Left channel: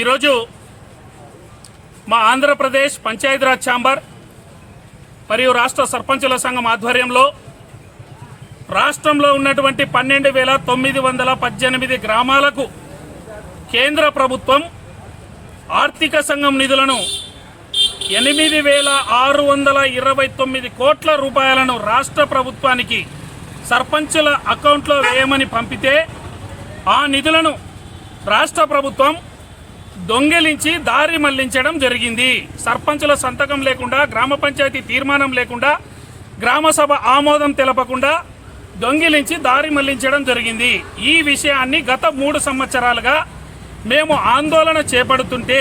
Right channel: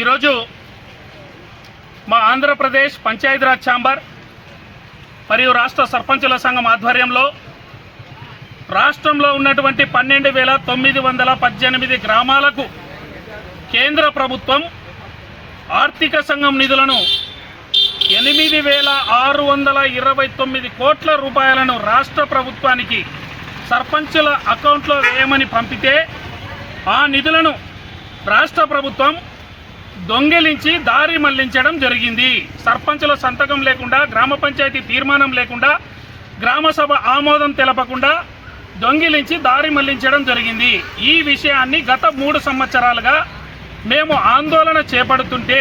ఈరోజు మా ఆంధ్రప్రదేశ్ పంచాయతీరాజ్ ఛాంబర్ మరియు రాష్ట్ర సర్పంచుల సంఘం ఆధ్వర్యంలో రాష్ట్రంలో ఉన్నటువంటి 12,918 గ్రామాలకు కేంద్ర ప్రభుత్వం ఆర్థిక సంఘం నిధులను 8,629 కోట్ల రూపాయలను రాష్ట్ర ప్రభుత్వానికి సర్పంచుల అకౌంట్లో వేయమని పంపితే ఆ నిధులను రాష్ట్ర ప్రభుత్వం దొంగిలించి దారి మళ్లించడం జరిగింది. సర్పంచుల సంతకం లేకుండా, గ్రామ పంచాయతీ తీర్మానం లేకుండా, గ్రామ సభ ఆమోదం తెలపకుండా దొంగిలించి దారి మళ్లించడం జరిగింది. ఈ విషయాన్ని గత 3 సంవత్సరాలుగా మేము ఆందోళన చేపడుతుంటే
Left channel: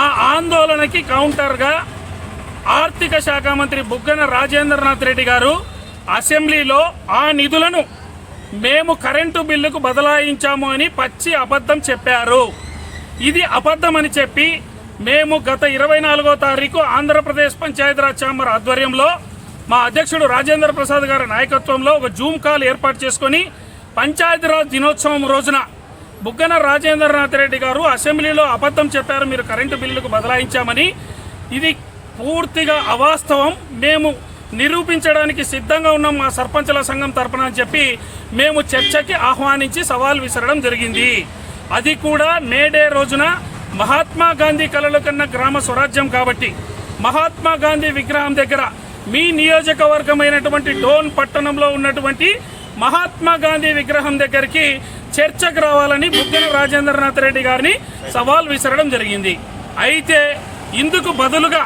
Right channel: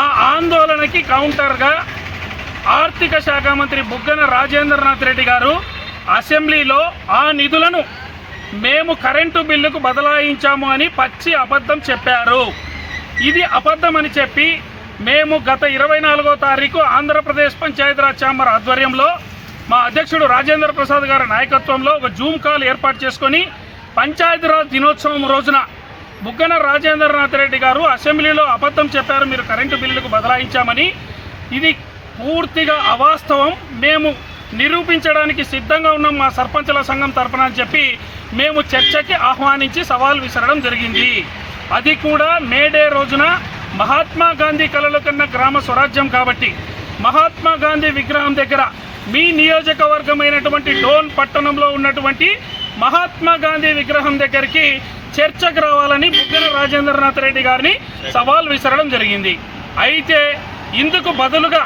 ఆ ఆందోళనకి కౌంటర్గా ఆర్థిక శాఖ మంత్రి బుగ్గన రాజేంద్రనాథ్ రెడ్డి గారు అసెంబ్లీలో ఆ నిధులను మేము కరెంటు బిల్లుకు బదలాయించాము అని పచ్చి అబద్ధం చెప్పారు. ఇది అబద్ధమని చెప్పి మేము గత 24వ తారీఖు ఆంధ్రప్రదేశ్ పంచాయతీరాజ్ ఛాంబర్ ఆధ్వర్యంలో మా అధ్యక్షుడు రాజేంద్ర ప్రసాద్ గారి నాయకత్వంలో ఒక జూమ్ కాల్ ఏర్పాటు చేసుకొని పంచాయతీరాజ్ దినోత్సవం రోజున బుగ్గన రాజేంద్రనాథ్ రెడ్డి గారు అసెంబ్లీలో అబద్ధం చెప్పారు, మీరు కరెంటు బిల్లుకు బదలాయించామని. ఇది పూర్తిగా అవాస్తవం, మేము నిరూపించడానికి సిద్ధంగా ఉన్నాం మా సర్పంచుల సంఘం తరపున అని చెప్పి మేము చర్చకి ఆహ్వానించి సవాల్ విసరడం జరిగింది. అది కూడా మేడే రోజున మహాత్మా గాంధీ కలలు కన్న గ్రామ స్వరాజ్యం కాబట్టి మహాత్మా గాంధీ విగ్రహం దగ్గర మీ నియోజకవర్గమైనటువంటి డోన్ పట్టణంలో ఉన్నటువంటి మహాత్మా గాంధీ విగ్రహం దగ్గరికి చర్చకు రావాలని బుగ్గన రాజేంద్రనాథ్ రెడ్డి గారిని సవాల్ విసరడం జరిగింది. అయితే ఇందుకు బదులుగా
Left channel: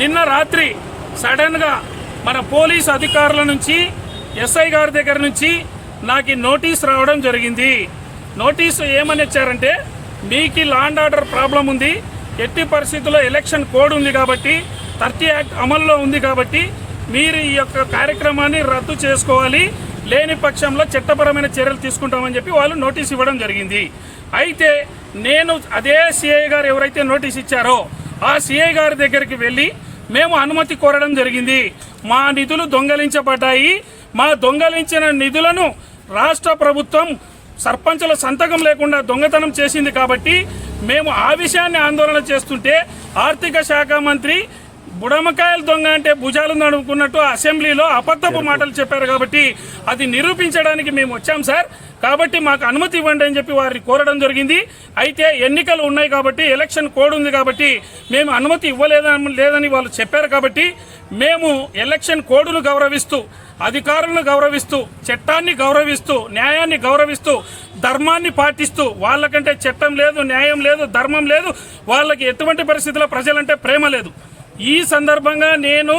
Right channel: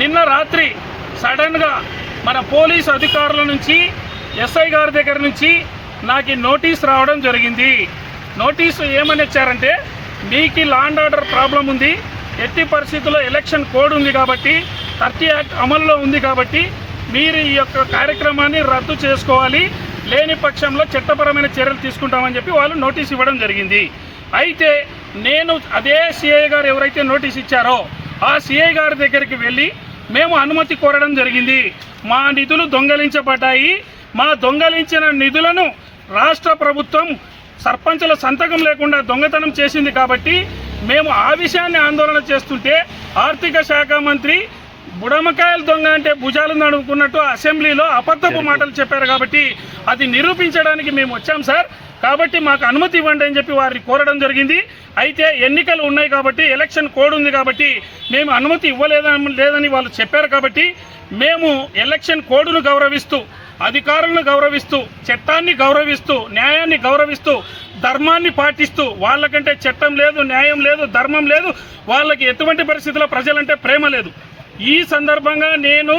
నిన్న రాత్రి సడన్గా మన పోలీసు అధికారుల నుంచి ఎస్ఐ గారి దగ్గర నుంచి నాకు నోటీస్ రావడం జరిగింది. నోటీసు ఏమని ఇచ్చారంటే, మీకు లా అండ్ ఆర్డర్ ప్రాబ్లం ఉంది, ఎట్టి పరిస్థితుల్లో ఎలక్షన్ కోడ్ ఉంది కాబట్టి 30 యాక్ట్ అమల్లో ఉంది కాబట్టి మీరు ఈ యొక్క కార్యక్రమాన్ని రద్దు చేసుకోవాలి, లేని పక్షంలో చట్టపరమైన చర్యలు తీసుకుంటామని చెప్పి వాళ్ళు నోటీస్ ఇవ్వడం జరిగింది. అయితే నేను అదే సిఐ గారు ఎవరైతే నోటీస్ ఇచ్చారో ఆ సిఐ గారి దగ్గరికి వెళ్ళి మేము అనుమతి కోరడం జరిగింది. మా నిధులు దొంగలించబడ్డాయి, మా దొంగలించిన నిధులను రాష్ట్ర ప్రభుత్వం సర్పంచుల సంతకం లేకుండా దొంగతనం చేసింది కాబట్టి మేము ఆ విషయాన్ని ఆందోళన చేస్తుంటే ఆర్థిక శాఖ మంత్రి బుడమకాయలు దొంగ అంటే భుజాలు నడుపుకున్నట్టు అసెంబ్లీలో అబద్ధపు మాటలు చెప్పారు. కాబట్టి అది నిరూపించడానికి మేము వచ్చాం సార్, కాబట్టి మాకు అనుమతి ఇవ్వండి అని చెప్పి వారిని కోరడం జరిగింది. అయితే ఎన్నికలు ఉన్నాయి కాబట్టి ఎలక్షన్ కోడ్ ఉంది కాబట్టి మేము అనుమతి లేదని వాళ్ళు చెప్పారు. కాబట్టి మేము ఎలక్షన్ కోడ్ను గౌరవిస్తూ, అధికారులను గౌరవిస్తూ, చట్టాన్ని గౌరవిస్తూ, న్యాయాన్ని గౌరవిస్తూ, ధర్మాన్ని పాటిస్తూ, వాళ్ళకంటే చట్టం లేదు, న్యాయం లేదు, ధర్మం లేదు, వాళ్ళకి ఎటువంటి పరిస్థితుల్లో ప్రజలంటే ప్రేమ లేదు. ఈ సందర్భంగా నేను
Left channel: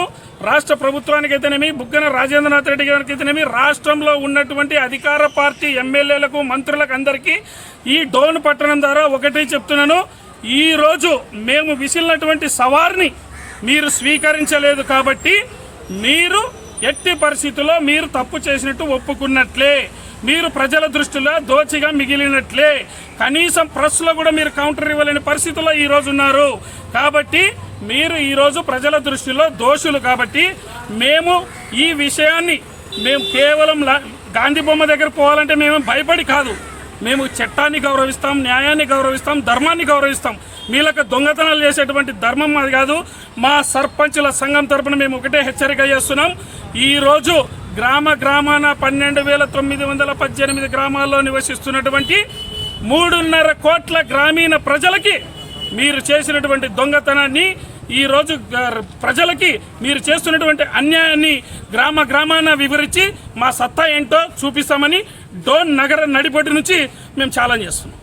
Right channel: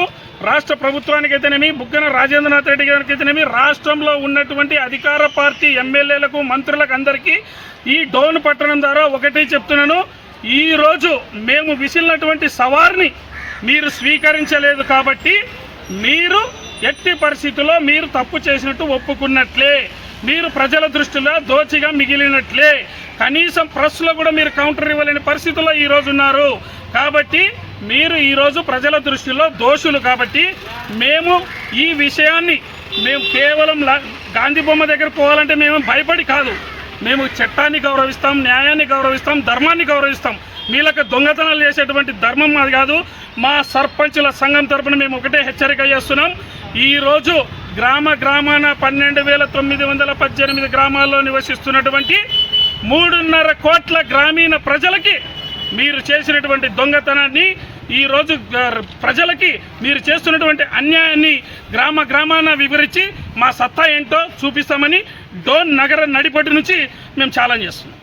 రాష్ట్ర ప్రభుత్వానికైతేనేమి, బుగ్గన రాజేంద్రనాథ్ రెడ్డి గారికి అయితేనేమి, రాష్ట్రంలో ఉన్నటువంటి అధికార పార్టీ ఎమ్మెల్యేలకు, మంత్రులకు అందరికీ ఈ డోన్ పట్టణం ద్వారా ఒకటే చెప్తున్నాను, ఈరోజు మేము విసిలినటువంటి సవార్ని మీరు స్వీకరించలేదు కాబట్టి మీరు ఎట్టి పరిస్థితుల్లో మీరు తప్పు చేసినట్టు ఒప్పుకున్నట్లే, మీరు ప్రజల దృష్టిలో దోచిగా మిగిలినట్లే. కనీసం ప్రెస్లో కూడా మీరు కౌంటర్ ఇవ్వలేని పరిస్థితుల్లో ఈరోజు ఉన్నారు. కాబట్టి మీరు ఈరోజు ప్రజల దృష్టిలో దోషులు. కాబట్టి మేము ఈ విషయాన్ని కేవలం గాంధీ బొమ్మ దగ్గర పోవాలంటే మేము భయపడి కాదు, మేము చట్టాన్ని గౌరవిస్తాం, న్యాయాన్ని గౌరవిస్తాం, ధర్మాన్ని గౌరవిస్తాం. వీళ్ళకి దొంగతనాలు చేసేటువంటి ధర్మం అది కాదు. మా సర్పంచుల సంఘం తరపున మేము ఒకటే హెచ్చరిక చేస్తున్నాం, ఈరోజు గ్రామాన 12,918 గ్రామాల్లో నివసిస్తున్నటువంటి 3.5 కోట్ల గ్రామీణ ప్రజలకి మీరు చేసినటువంటి దొంగతనాన్ని, ఈరోజు ప్రజలకి మీరు చేస్తున్నటువంటి అన్యాయాన్ని గ్రామాన వివరించి మా సత్తా ఏంటో చూపిస్తామని డోన్ నగర నడిపొడ్డు నుంచి మేము ఛాలెంజ్ చేస్తున్నాం.